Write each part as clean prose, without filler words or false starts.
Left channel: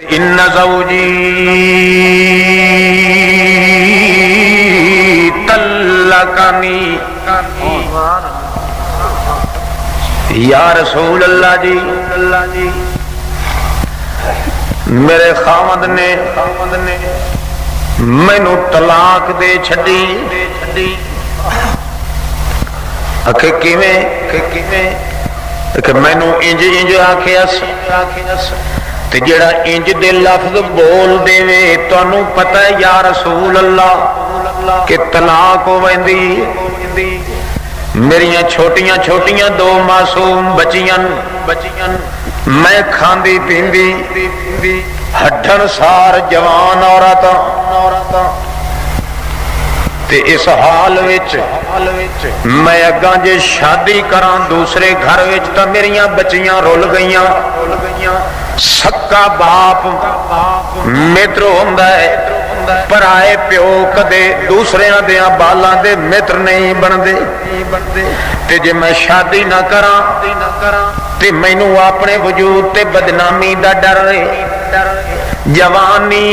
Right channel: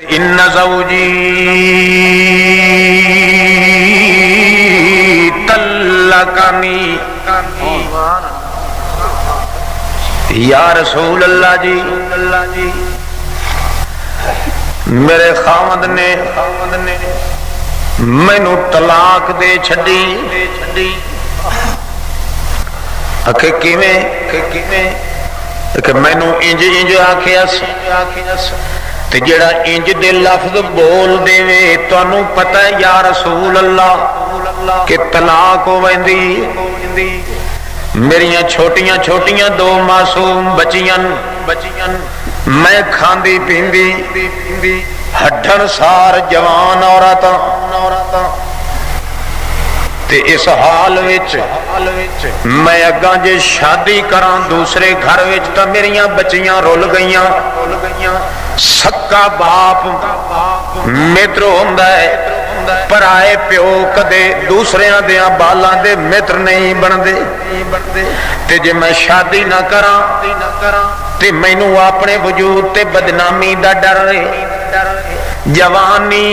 ان زوجی طلقنی یا رسول اللہ جی میرے خاوند نے مینوں طلاق دے چھڈی کہ کیویں کہ مینوں انج آکھیا تے جڑا انج دے لفظ بول دے تانوں پتہ ہے یا رسول اللہ کہ طلاق ہو ویندی میریاں چھوٹیاں چھوٹیاں دو معصوم بچیاں میں کھاندی پیندی ہڈن سار جوان عورت تے اس حال وچ میں اگاں جے شادی کراں دوسرے گھر وچ تاں میریاں بچیاں رول گئیاں سکا باپ متر ہوندا ہے پرائے پیو کدے دوسرے دیاں بالاں دے متر نہیں بندے تے جے میں شادی نہ کراں تے مینوں اپنے وجود تے بدنامی دا ڈر جوانی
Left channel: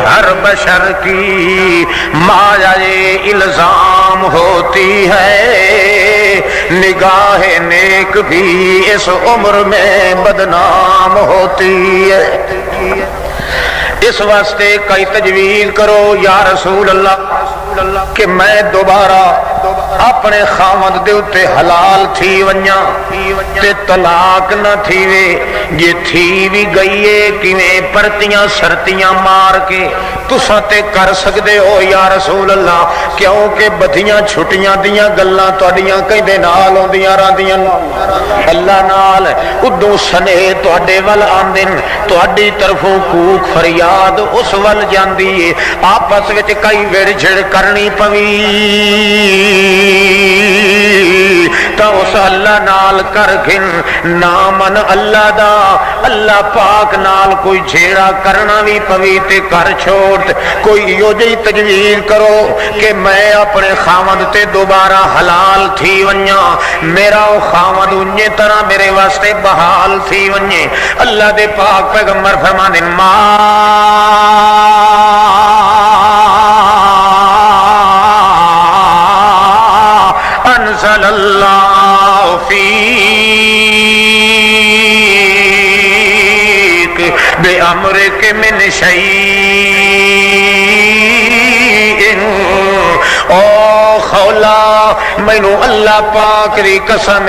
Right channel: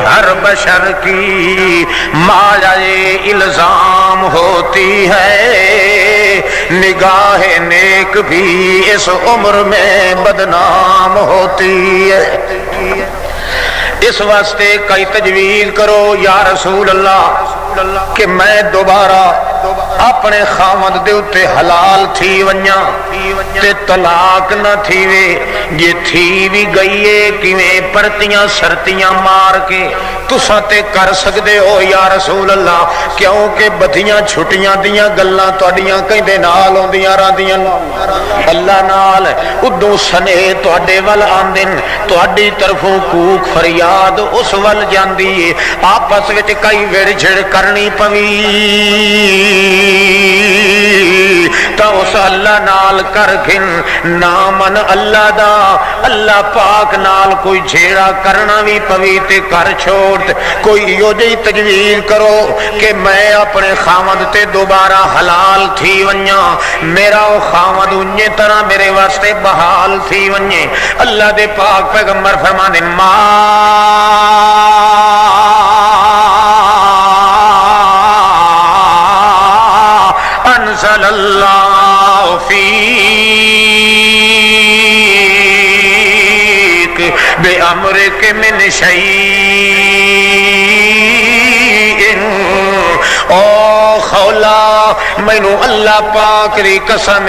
ہر بشر کی مایہ الزام ہوتی ہے نگاہ نیک بھی اس عمر میں بدنام ہوتی ہے اس واسطے کئی تجویز کرو یا رسول اللہ کہ میں دوبارہ اپنے خاوند دے اتے حلال تھی ونجا تے طلاق نہ تھیوے یہ تھی بھی گئیے کیویں پرتیاں سرتیاں مار کے تساں تے کر سکدے ہو یا رسول اللہ کیونکہ بدھیاں چھٹیاں دیاں گلاں تہاڈیاں کہندے نال ہوندیاں راندیاں اللہ نال ادوں سنے تہاڈے ول آندن تہاڈی طرفوں کوک فریاد اس ول جاندی ہے آپس وچ کئی وڑ جھڑ کرنی پوی تا اس اللہ نال کر گھن نامن اللہ دا اللہ پاک نال کوئی جھیڑا کرنا بھی پوی تے کر چھوڑ کوئی یو جی تجویز کرو کہ میں اپنے خاوند تے دوبارہ حلال تھی ونجا میرا او خاوند انجے طرح میرے واسطے بحال تھی ونجے اللہ دے پاک پیغمبر فرماندے ما انزل اللہ فیک بے امرک من شیء او خولا مینوں اللہ پاک دی قسم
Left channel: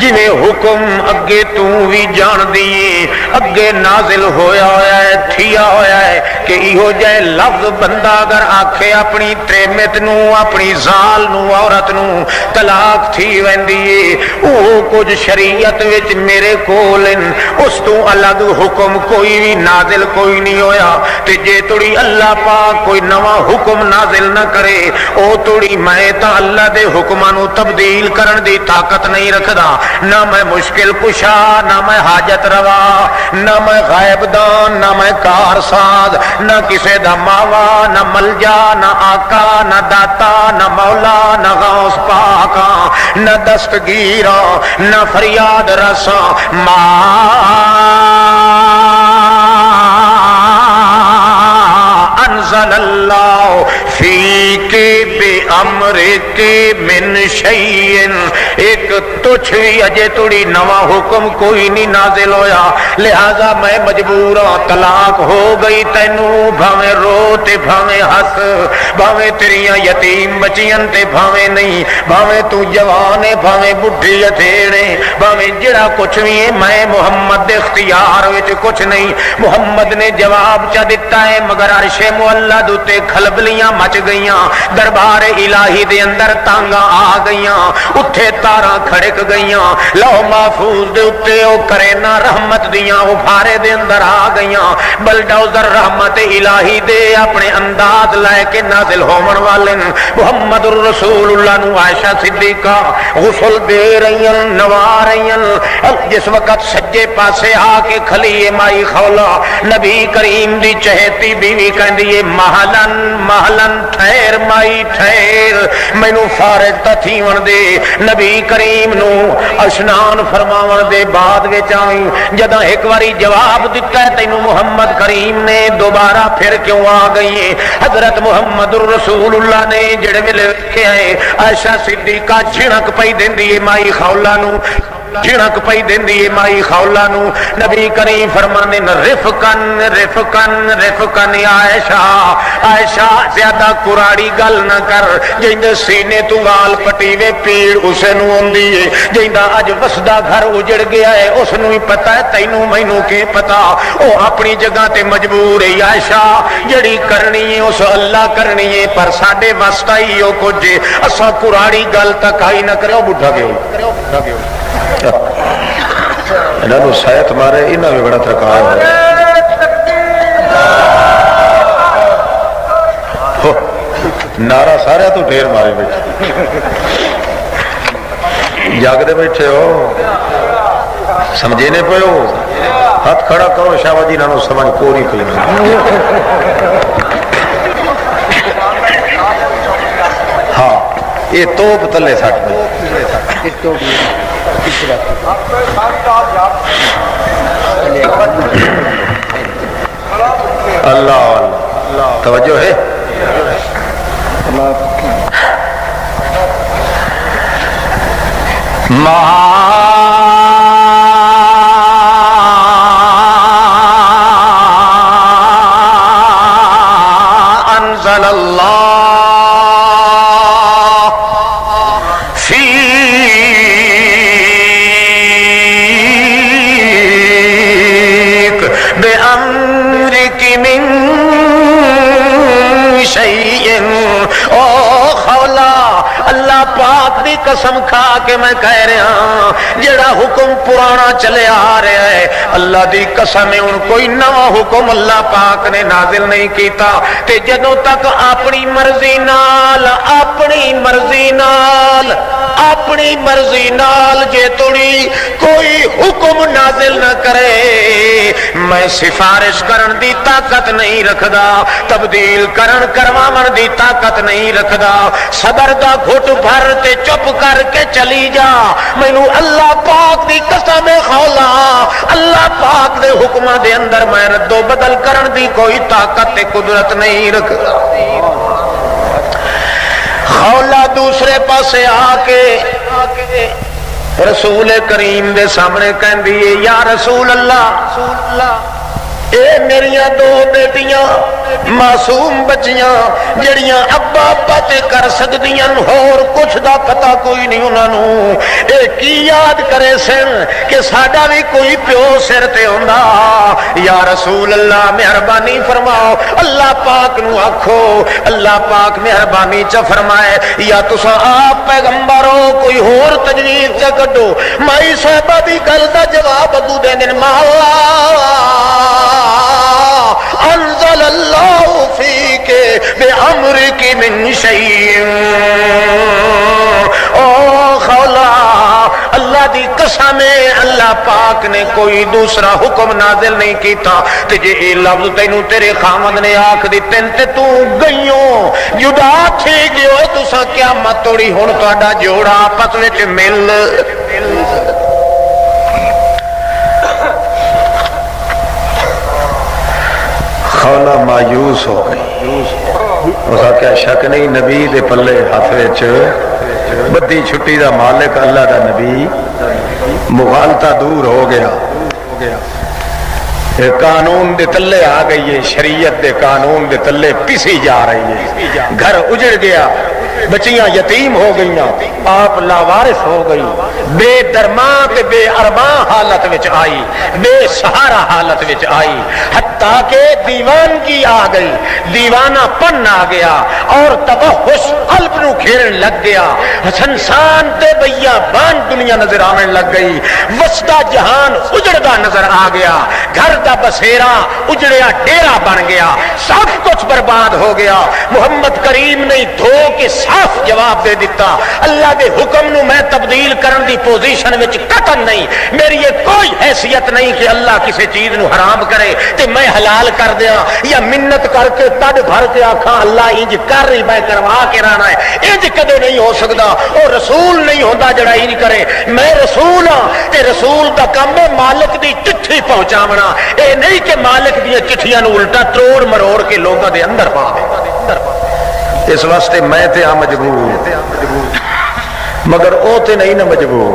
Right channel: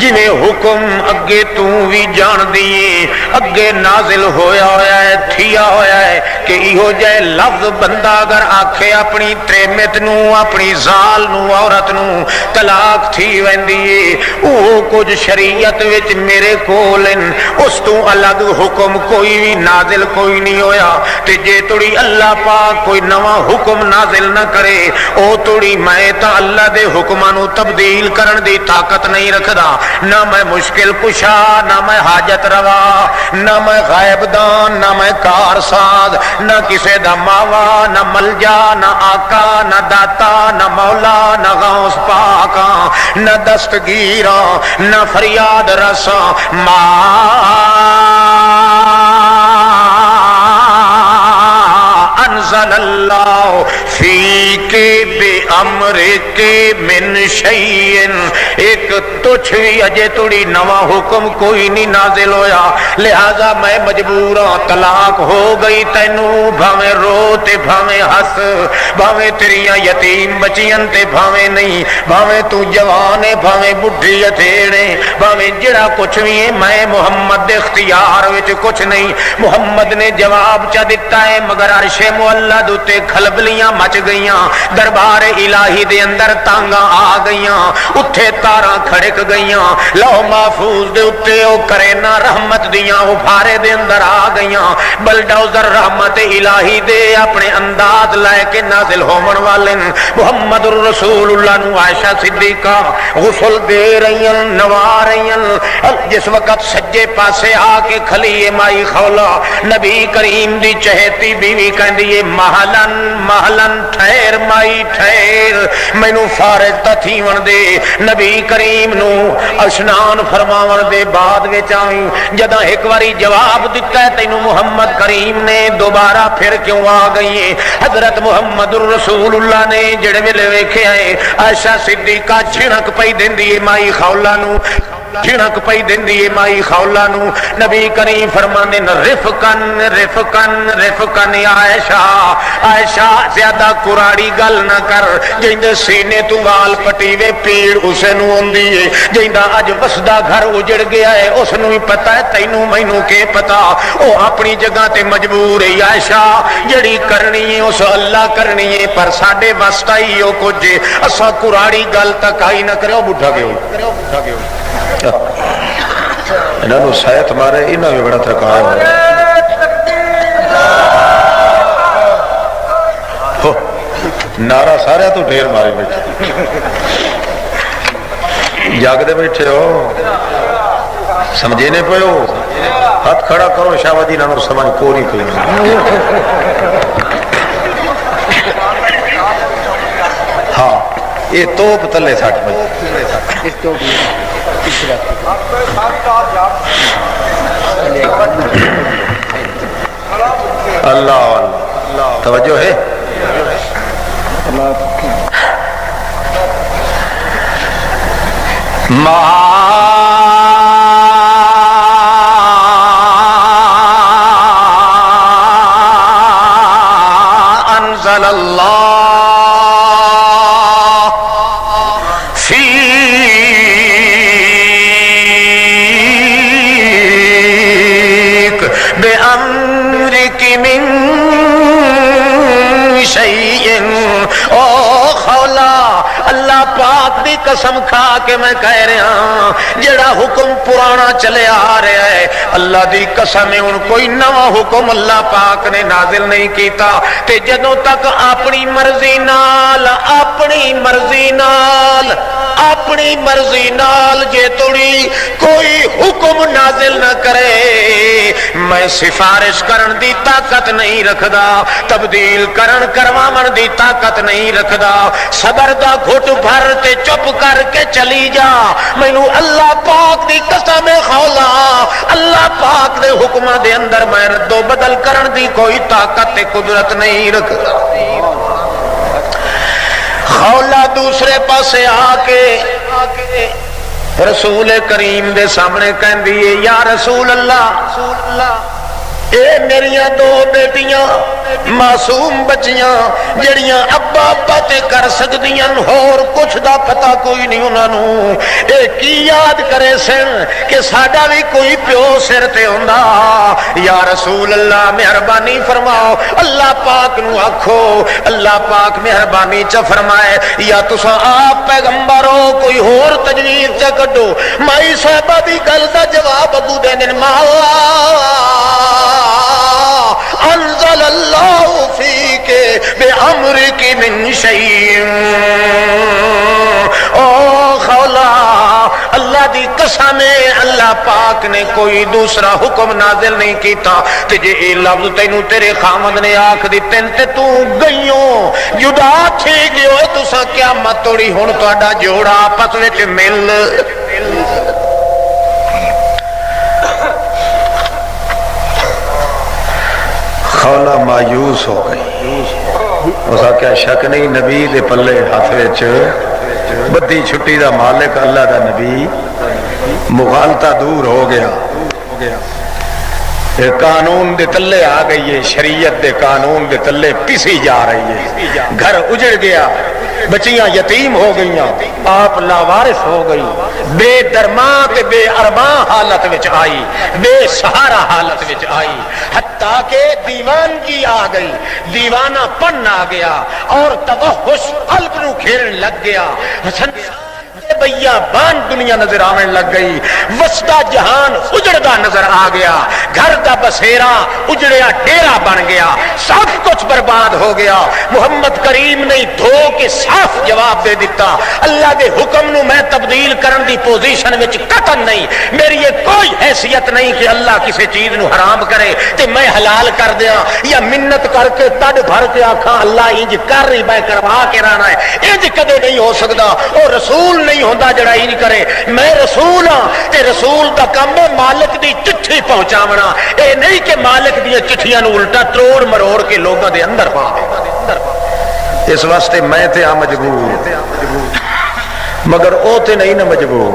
جنہیں حکم اگے تو بھی جان دیے اگے نازل ہویا ہویا ہے تھیا ہویا ہے کہ ایہو جائے لفظ بندہ اگر آکھے اپنی تریمت نو اپنی زال نو عورت نو طلاق تھی ویندی او کچھ شریعت وچ میرے کولن اس تو الگ حکم کوئی بھی نازل کوئی نہیں ہویا تے جے توڑی اللہ پاک کوئی نواں حکم نازل نہ کرے او توڑی میں تا اللہ دے حکمانو تبدیل کرن دی طاقت نہیں رکھدا نہ میں مشکل کشا نہ میں حاجت روا نہ میں غائب دان نہ میں کار ساز نہ کسے دا ماوا نہ ملجا نہ آقا نہ داتا نہ مولا نہ غوث پاکا نہ دستگیرا نہ فریاد رسا ما انزل اللہ فیک بے امر کے من شیئن ایک تجھ اجے توڑی نواں حکم کوئی نہیں نازل ہویا لہذا میں مجبور ہوں طلاق ہو گئی تینوں بھاویں رو تے بھاویں ہس بھاویں تیریاں یتیم بچیاں تے بھاویں نہیں بھاویں تو جوان ہے بھاویں بڈھی اٹھیڑے بھاویں جڑا کچھ بھی ہے میں محمد دے اختیار وچ کچھ نہیں محمد نے جواب چا دیتا ہے مگر عرش معلا دوتے کھلبلیاں مچ گئیاں دربار الہی دے اندر تانگاں آ گئیاں اتھے تاراں کھڑک گئیاں لوح محفوظ دے اتے او کرینا رحمت دیاں او بھارے دے اندر آ گئیاں بلڈوزر رحمت الہی دے اپنے انداز لائے کے نازل ہومن والے محمد رسول اللہ نو عائشہ صدیقہ غسل دے رہی نوا رہی جس وقت سجے پاسے آ کے کھلی مائی خولا نبی کریم دی چہتی بیوی کہندی محلن محلن ٹھہر مائی ٹھہر مینوں مینوں فارغ تا تھیون دے نبی کریم نو اشنان فرماون دے بعد وچ آئی جداں ایک واری جواب دتا ہے تینوں محمد کریم نے دوبارہ پھر کیوں آ گئی ہے حضرت محمد رسول اللہ نے جڑے ویلے ویکھیا ہے عائشہ صدیقہ جھڑک پئی دیندی ہے مائی خولہ نو جھڑک پئی دیندی ہے مائی خولہ نو نبی کریم فرماندے نے رفقن رفقن رفقن یا عائشہ عائشہ زیادہ کراڑی گل نہ کر جیندے سینے تو وال پٹیوے پیڑ اسے نو ہوندی ہے جیندا اج وسدا گھر اجڑ گیا ہے اس نو پتہ ہے تینوں مینوں کی پتہ او اپنی جگہ تے مجبور ہے عائشہ جڑی کرنی ہے اس اللہ کرنی ہے پر ساڈے واسطہ ہی او کچھ اساں کراڑی گل تک آئی نہ کرو بڈھا گئے انہاں نو شاید مارے انہاں میں بڑا تھکا ہے نعرہ سارے تو دیر مارے بیٹھے جاگدے بیٹھے ہو سمجھینے پہ ہو ہاتھ کھڑا کرو شاہدی نانو سمجھ کوئی کوئی نہیں ہاں یہ توپ تلے سٹ اللہ اللہ توجہ ہے ما انزل اللہ فیک بأمرک من شیء او خولا اللہ پاک دی قسم کھا کے میں کہہ رہا ہوں جڑا حکم پرانا چلے آ رہا ہے اللہ دی قسم ہے ان کوئی نوا حکم اللہ پاک نے نازل نہیں کیتا تے جدوں تک اپنی مرضی نال اپنی مرضی نال جے توڑی کوئی حکم نازل نہ کرے میں سفارش کرن دی طاقت نہیں رکھدا تبدیل کرن کرواون دی طاقت نہیں رکھدا صبر دا گھٹ بھر تے چپ کر کے چلی جا مینوں اللہ پاک دی قسم خولا اللہ پاک دے حکماں دے اندر میں رد و بدل کرن دی کوئی طاقت تے قدرت نہیں رکھدا خولا دوسرے پاسے آ کے رسول کریم دے سامنے کہندی ہے یا رسول اللہ اے میریاں دو بیٹیاں معصوم بچیاں جڑیاں ابا ابا تے کر سکدیاں اور کچھ دا پتہ کوئی نہیں انہاں نوں اے کی یاد کرے سن کہ ساڈا بھی کوئی پیو سر تے ہوندا یا رسول اللہ مہربانی فرماؤ اللہ پاک نو آکھو اللہ پاک مہربانی چ فرمائے یا تساں آپ پیغمبر ہو کوئی اور تجویز چ کڈو مائی صاحبہ دی گل دا جواب ابو دے دن مولا انزل اللہ فیک بامرک من شیء او خولا اللہ دی قسم ہے اللہ پاک نے کوئی دوسرا حکم نازل نہیں کیتا تے جے اے لفظ تینوں تیرے خامد نے آکھ دتے تے تو گئیوں جدا تھے گیو تساں قیامت توڑی ہن تہاڈا جوڑا آپس وچ مل خولا مایوس ہو گئی اس کا شک نہیں نبی دے پلے ہاتھ وچ بدی چھٹی دا مالک اللہ دا نبی مغالطہ دور ہو گیا قانون دے تلے آ گئی ہے شریعت دے قانون دے تلے پسی جا رہی ہے گھر اجڑ گیا بچیاں یتیم ہو گئیاں آپ لاوارث ہو گئی بے درماں تے بے ارماں حالت وچ آئی بے سہارا حالت وچ آئی حتیٰ کہ دیوانگی آ گئی دیوانہ پن آ گیا اور توحش قلب نو گھیرن لگ گیا سنسان تے بیا بان دنیا نظر آنے لگ گئی وسدا جہان اجڑدا نظر آ گیا گھر دا بسیرا اجڑیا ڈیرا بن گیا سب کچھ برباد ہو گیا محمد کریم نے دھو کے صاف جواب دے دیتا، اللہ دے حکم نو میں تبدیل کرن دی پوزیشن وچ قطعاً نہیں، میری یہ کوئی حیثیت نہیں کہ اللہ کسی چیز نو حرام کرے تے میں حلال کر دیاں یا منت کر کے تڈ بھر کے آکھاں اللہ انج کر رہی میں کروا کے رہنا ہے، انج کدے نہیں ہو سکدا۔ او رسول نہیں ہوندا جڑا انج کرے، میں رسول ہاں تے رسول دا کم ہے مالک دی چٹھی پہنچاونا، اے نہیں کہ مالک دی چٹھیاں نو الٹا توڑ مروڑ کے لوگاں دے اندر پا دے۔ اس واسطے میں تے آ مجبور، مگر او تے نہیں نہ مجبور۔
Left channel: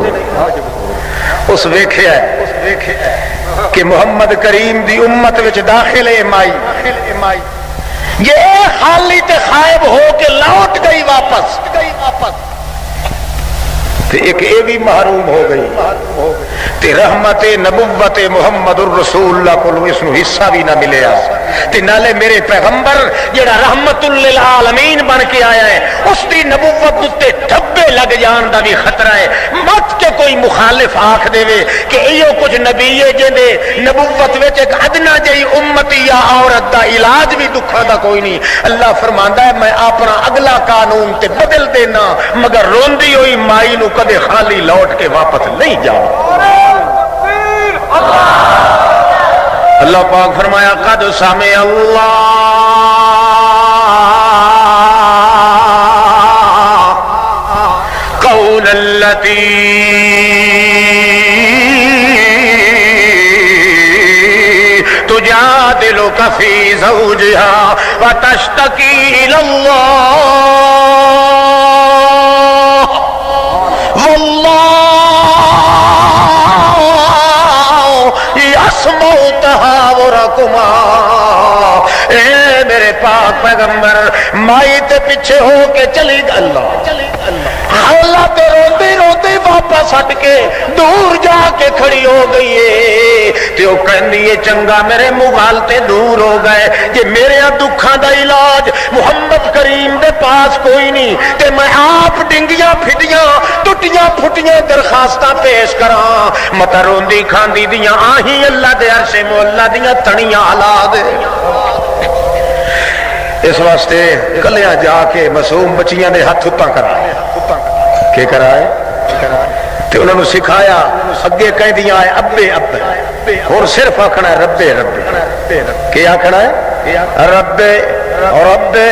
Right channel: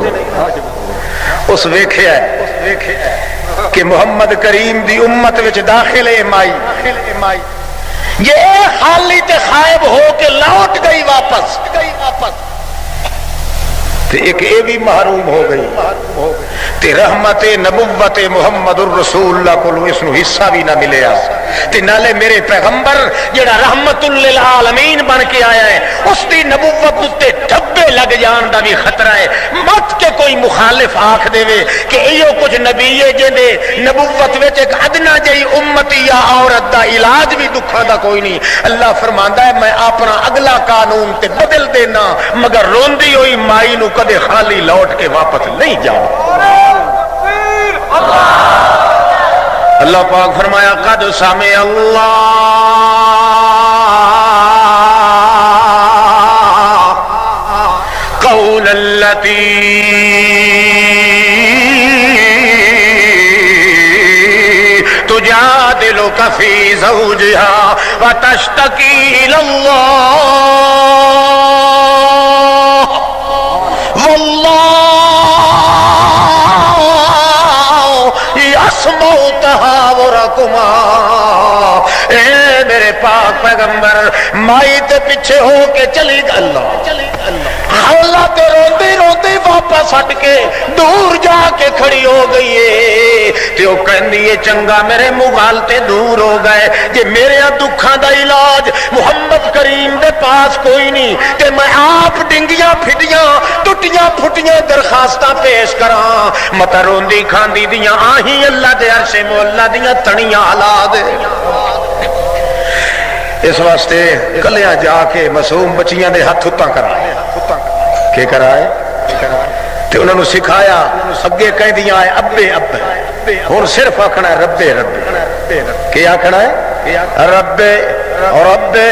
اس ویکھیا کہ محمد کریم دی امت وچ داخل ہے مائی، یہ خالی تے خائب ہو کے لوٹ گئی واپس، تے ایک اے بھی محروم ہو گئی تے رحمت نبوت محمد الرسول اللہ کو اس نو حصہ بھی نہ ملیا کہ نالے میرے پیغمبر جڑا رحمت للعالمین بن کے آیا ہے اس دی نبوت تے دھبے لگ جان دا بھی خطرہ ہے۔ مت کے کوئی مخالف آکھ دے وے کہ ایو کچھ نبی ہے جے نبوت وچ ایک ادنا جئی امت یا عورت دا علاج بھی دکھاں دا کوئی نہیں۔ اللہ فرماندا ہے میں اپنا اگلا قانون تے بدل دینا مگر روندی ہوئی مائی نو کدے خالی لوٹ کے واپس نہیں جاؤ۔ اللہ پاک فرمایا قد سمع اللہ قول التی تجادلک فی زوجہا وتشتکی الی اللہ تحاورکما۔ اے میرے پاک پیغمبر مائی کے پیچھے ہو کے چلی گئی، اللہ تے روندی روندی واپس ہٹ کے دور جا کے کھڑی ہو گئی ہے تے او کہندی ہے چنگا میرے موال تے دور ہو گئے کہ میرے دکھاں دا علاج محمد کریم دے پاس کوئی نہیں تے میں آپ ڈنگیاں پھٹیاں ٹوٹیاں پھٹیاں درخواستاں پیش کراں مت روندی کھاندی دیاں آہیں اللہ دے عرش مولا دیاں تنیاں ہلا دے۔ اس واسطے کلیاں جا کے معصوم بچیاں دے ہاتھ ہتاں کرا کہ کرائے تے انہوں نے سکھایا اگے کہہ دیا ہے ابے ابے اور صرف آکھنا ہے ربے ربے، کیا آکھنا ہے ربے ربے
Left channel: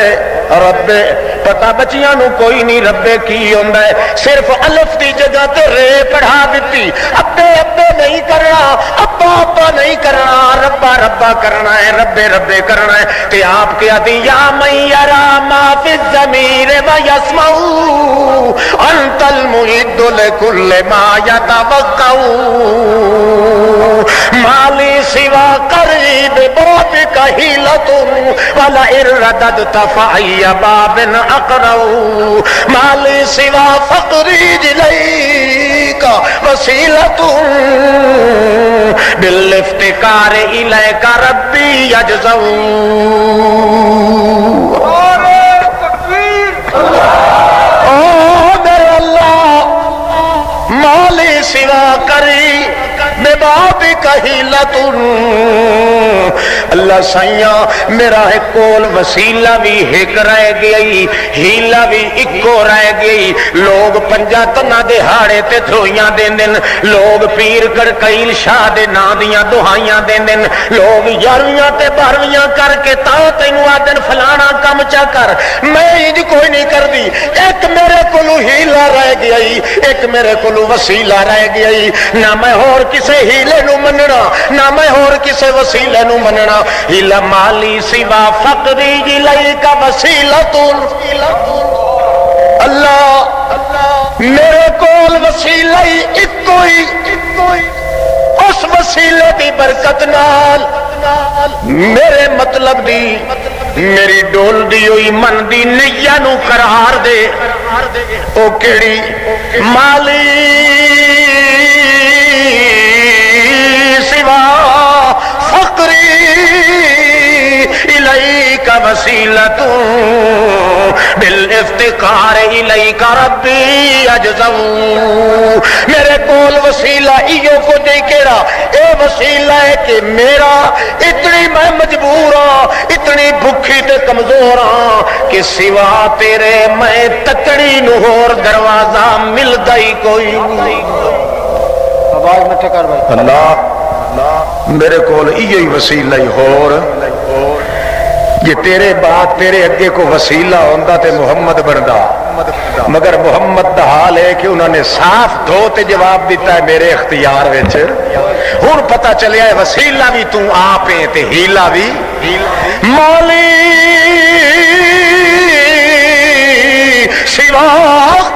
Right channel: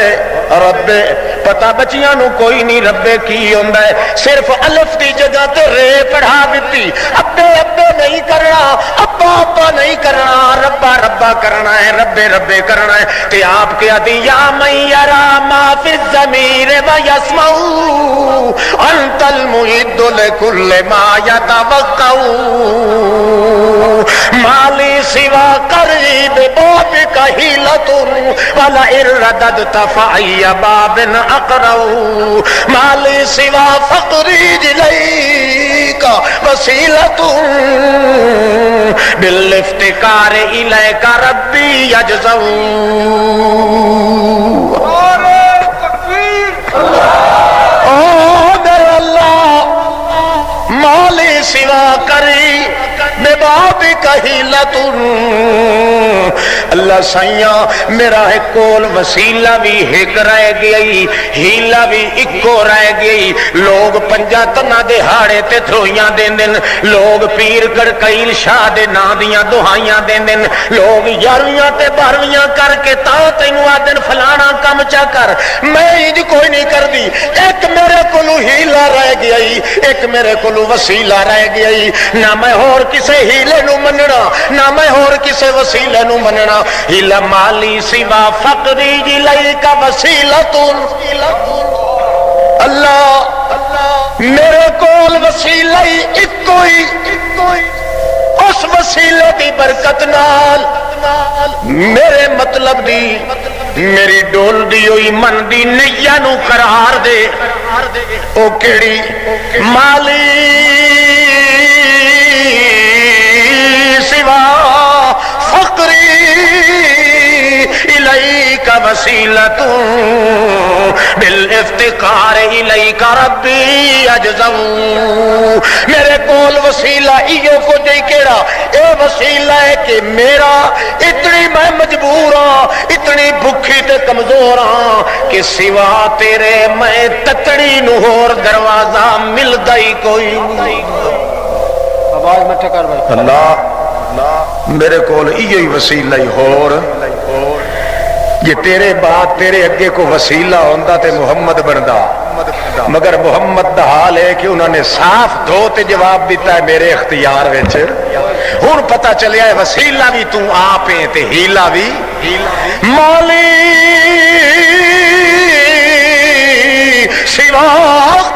ربے۔ پتا بچیاں نو کوئی نہیں ربے کی ہوندا ہے، صرف الف دی جگہ تے رے پڑھا دیتی، ابے ابے نہیں کرنا، ابا ابا نہیں کرنا، ربا ربا کرنا ہے، ربے ربے کرنا ہے۔ تے آپ کیا دی یا من یرا ما فی الضمیر و یسمع انت المعد لکل ما یتوقع مالی سوا قریب بابک حیلۃ ولئن رددت فأی باب اقرؤ مالی سوا فقری الیک وسیلۃ بالافتقار الیک ربی یجزع۔ مالی سوا کری بے باب کہیلت اللہ سائیاں میرا ایک کول وسیلہ بھی ایک رہ گئی، ہیلا بھی اکو رہ گئی۔ لوگ پنجا تنا دے ہاڑے تے تھوئیاں دین دن، لوگ پیر کڑکیل شاہ دے نا دیاں دہائیاں دین دن، لوگ یارویاں تے بارویاں کر کے تا تینوں آدن فلانا کم چا کر، میں انج کوئی نہیں کر دی۔ ایک میرے کولو ہیلا رہ گئی، ایک میرے کولو وسیلہ رہ گئی، نہ میں اور کسے ہیلے نو مننا، نہ میں اور کسے وسیلے نو مننا۔ ہیلا مالی سوا فقری الیک وسیلۃ اللہ میرے کول وسیلہ ایک کوئی، اس وسیلے دی برکت نال میرے مطلب دی میری ڈول دی ہوئی من دی نیا نو قرار دے۔ او کیڑی مالی سوا فقری الیک وسیلۃ بالافتقار الافتقار الیک ربی اجزو، میرے کول وسیلہ ایو کو دے کیڑا، اے وسیلہ ہے کہ میرا اتنی میں مجبور ہاں، اتنی بھکھی تے کمزور ہاں کہ سوا تیرے میں تکڑی نو ہور دروازہ ملدا ہی کوئی نہیں۔ آواز مٹھا کر بھائی، اللہ میرے کول ایہی وسیلہ ہی ہور، جے تیرے بعد تیرے اگے کو وسیلہ ہوندا تے محمد بندا، مگر محمد دا حال ہے کہ انہوں نے صاف دھو تے جواب دیتا ہے میرے اختیار وچ، ہن پتہ چلیا ہے وسیلہ بھی تو آپ ہے تے ہیلا بھی مولی سوا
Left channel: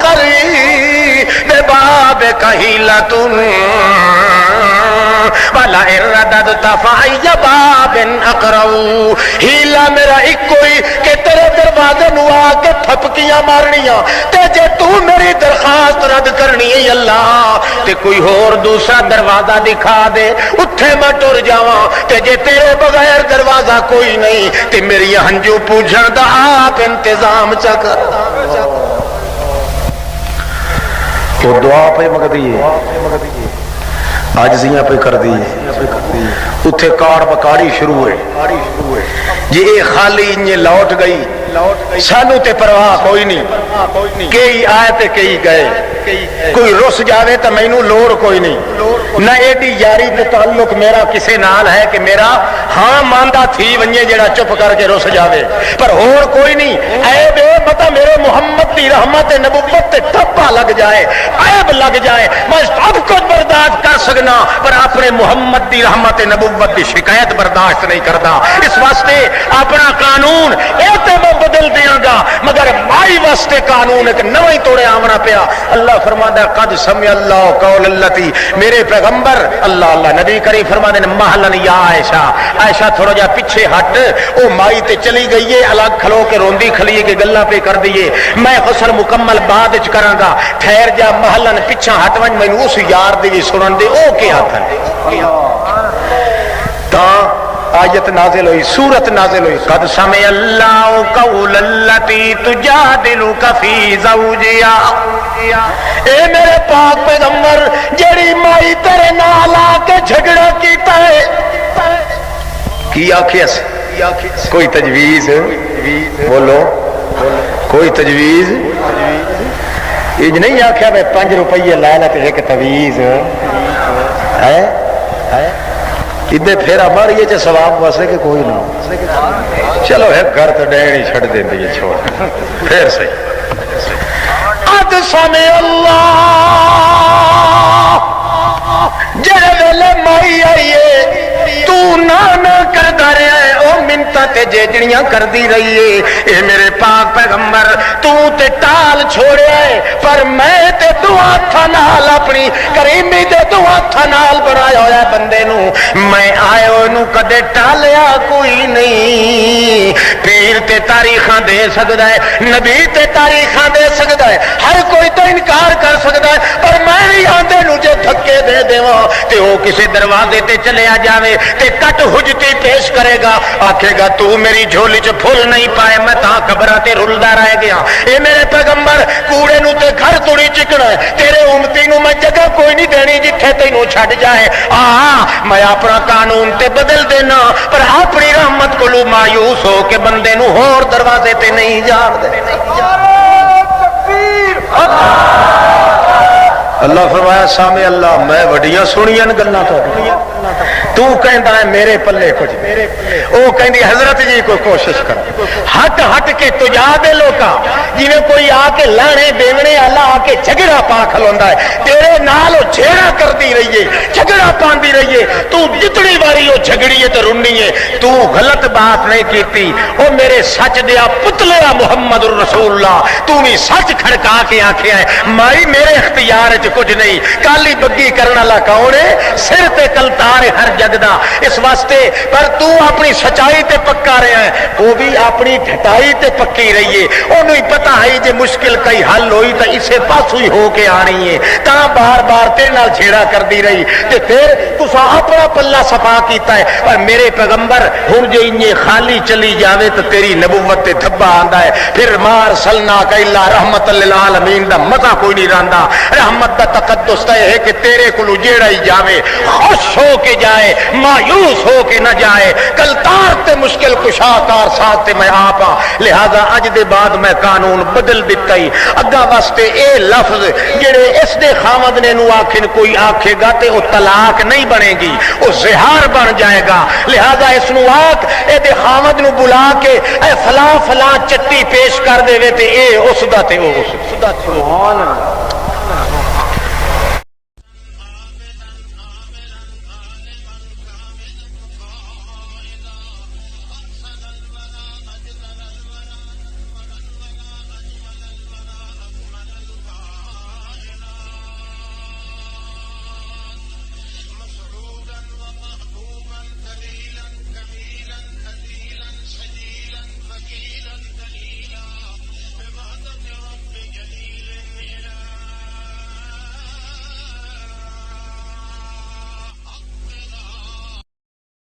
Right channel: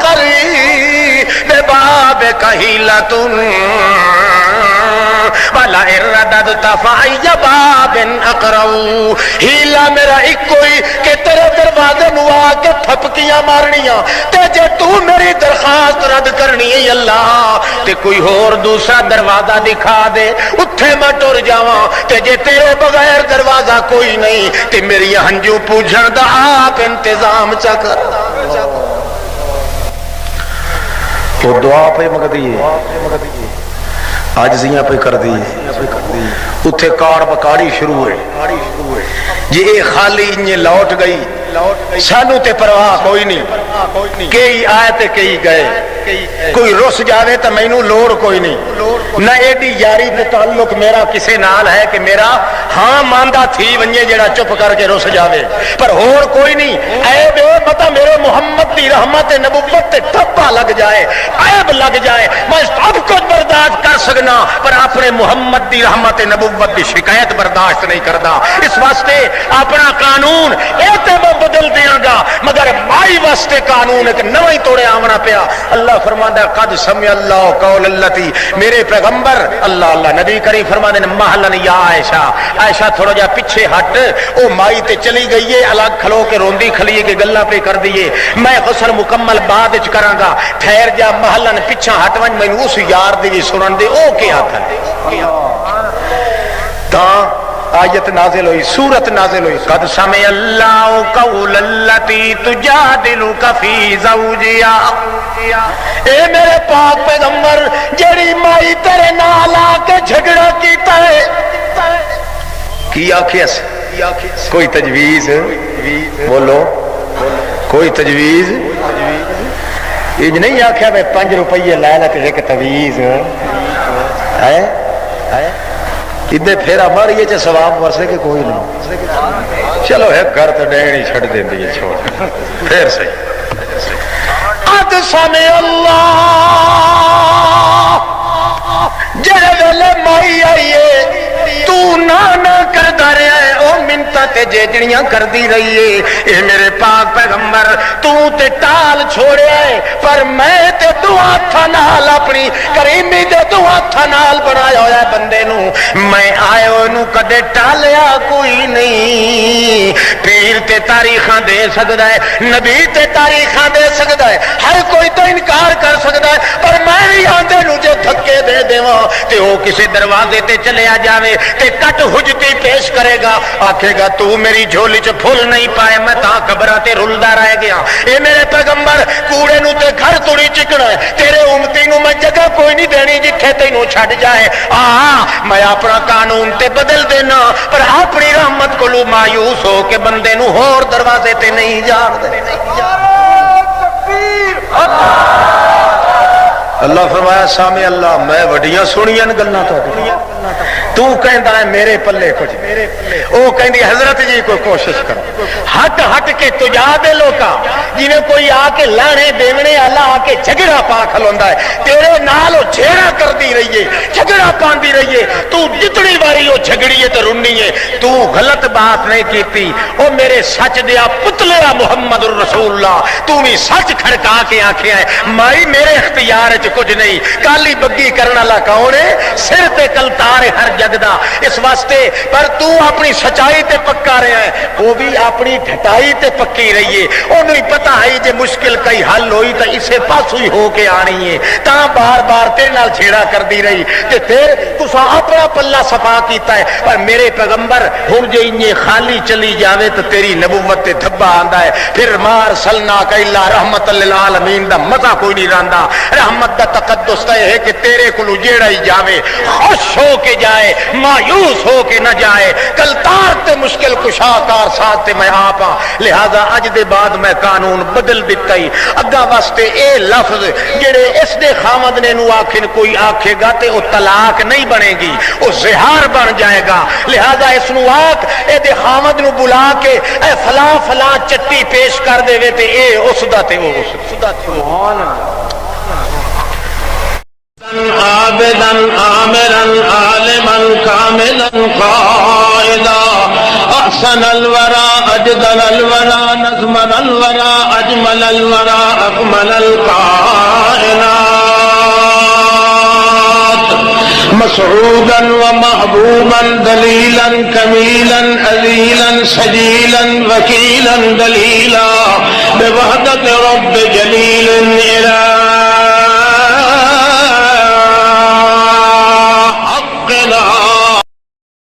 کری دے بعد کہیلا تم وَلَا اِرَّدَدْتَ فَعِيَّ بَابٍ اَقْرَوْ، ہیلا میرا ایک کوئی کہ تیرے دروازے نو آ کے تھپکیاں مارنیاں، تے جے تو میری درخواست رد کرنی اللہ تے کوئی اور دوسرا دروازہ دکھا دے اتھے میں ٹر جاواں، تے جے تیرے بغیر دروازہ کوئی نہیں تے میری ہنجو پوجھن دا آپ انتظام چکر۔ وہ دعا پہ مگدی عاجزیاں پہ کر دی، اتھے کار بکاری شروع ہوئے، یہ خالی انہیں لوٹ گئی، سانو تے پرواہ کوئی نہیں، کئی آئے تے کئی گئے، کوئی رس جاوے تو مینوں لوڑ کوئی نہیں، نہ ایڈی یاری تے تعلق میرا کسے نال ہے کہ میرا ہاں ماندہ تھی ونجے جڑا چپ کر کے رس جاوے، پر اور کوئی نہیں، عیب اے پتہ میرے محمد دی رحمت نبوت تے ٹھپا لگ جائے، عیب لگ جائے، میں سب کچھ برداشت کر سکنا پر اپنے محمد دی رحمت نبوت دی شکایت برداشت نہیں کردا، اس واسطے اپنا قانون اے تے میں بدل دیاں گا، مگر مائی واسطے قانون ایک نو ہی توڑے آمنا پیا۔ اللہ فرماتا ہے قد سمع اللہ قول اللتی، میرے پیغمبر اللہ نبی کریم فرماتے ہیں محلن یا عائشہ، عائشہ تھوڑا جا پیچھے ہٹ، او مائی تے چلی گئی ہے الگ کھلو کے روندی کھلی کے گلاں پہ کر دیے، میں غسل مکمل بعد وچ کراں گا، ٹھہر جا محلن پیچھا ہٹ ون مینوں اس یار دی سنن دے او کیا تھا تا آیت نازل ہوئی، سورت نازل ہوئی قد سمع اللہ قول اللتی تجادلک فی زوجہا، اے میرے پاک پیغمبر جڑی مائی تیرے نال آ کے جھگڑا کیتا ہے کی آکھیس، کوئی تجویز بولو، کوئی تجویز یہ نہیں آخیا میں 5 روپیے لے لے ایک تویز ہے ادے پھیرا ماریے چ ثواب واسے کہ کوئی نہ، چلو ایک گھر تو ڈین ہی چھڑ دیں گے چھوڑ پھر سے قد سمع اللہ، جڑے ویلے مائی آئیے تو نے کردا رہے او منتا تے جیجڑیاں کردی رہیے، اے میرے پاک پیغمبر تو تے ٹال چھوڑے پر میں تے دو ہاتھاں نال اپنی کریمی دے دو ہاتھاں نال بنایا ہویا بندے نو، میں آئے نو کدے ٹالیا کوئی نہیں، پیر تے تاریخاں دے سکدا ہے، نبی تے تاریخاں دے سکدا ہے، ہر کوئی تو انکار کر سکدا ہے، پر میں بھی آندے نو جے دھکے دے دیواں تے او کسے دروازے تے چلے آ جاوے تے کٹ حجتی پیش کرے گا، آکھے گا تو میری جھولی چ پھول نہیں پائے میں تاں قبراں تے رلدا رہ گیا، اے میرے پیغمبر کوڑے نو تے گھر توڑی چکنا ہے، تیرے امتی نو میں جگہ کوئی نہیں دینی جتھے تینوں چھڈ جائے، میں اپنا قانون تے بدل دینا پر اپنی رحمت کو مایوس ہو کے بندے نو ہور دروازے تے نہیں جان دے۔ اللہ فرمایا سامع اللہ میں وڈیاں سنیاں گلاں تو کہندا ہے میرے پلے کچھ، او کہندی حضرت جی کوئی کوشش کر ہٹ ہٹ کے تجا دے لوکا، جویں کوئی آ کے لانے دیونے والا آ کے جھگڑا پا کھلوندا ہے، تیرے نال او جھیڑا کردی رہیے، جھگڑا پاندی رہیے، تو جتنی باری او جھگڑیے تے رنیے، تو غلط بات نہیں کیتی، او میرے سچ دیا پتلیا محمد الرسول اللہ، تو بھی سچ کھڑکا کے آکھیا ہے مائی میرے اختیار وچ کچھ نہیں، کالی بگی کرن والا کون ہے، سر تے کلتا سردار ہے ہر جگ دا اس واسطے پر تو اپنی سچائی تے پکا رہا ہے وہ بھی اپنی ڈھٹائی تے پکی رہی ہے انہوں ہی پتہ ہے جے مشکل کئی حل ہوئی تو اسے پاسو ہی ہو کے آنی ہے تا بار بار تیرے نال چھیڑا کر دی رہی کہ پھر تسا اپنا پلہ صفا کیتا ہے پر میرے پیغمبر ہن جو یہ خالی چلی جاوے تو تیری نبوت تے دھبا آندا ہے پھر مار سلنا کا الا رحمت للعالمین دا مزہ کوئی نہیں رہندا رحمت دا تقدس تے ہے کہ تیرے کولو جیڑا ہی جاوے خوش ہو کے جائے مایوس ہو کے نہ جائے کل تار تے مشکل کشا کار ساتھ تے میں آپ ہاں لہذا اج دے بعد میں قانون بدل دیتا ہی اگا واسطے اے لفظ جڑے اس دے خامد نے نو آخر کوئی آکھے گا تے او طلاق نہیں بنے گی او زہار بن جائے گا لہذا اس نو آکھ اے دے خامد نو بلا کے اے فلاں فلاں چٹی پیش کر دے تے اے اس دا تے او اس دا سبحان عابدا عامرا عالما كاملا قائدا احسن الورى اجدل الورى نظمن الورى اجمل الورى اكمل الكائنات مسعودا ومحبوبا دليلا كميلا أذيلا سجيلا وكيلا دليلا بوحدة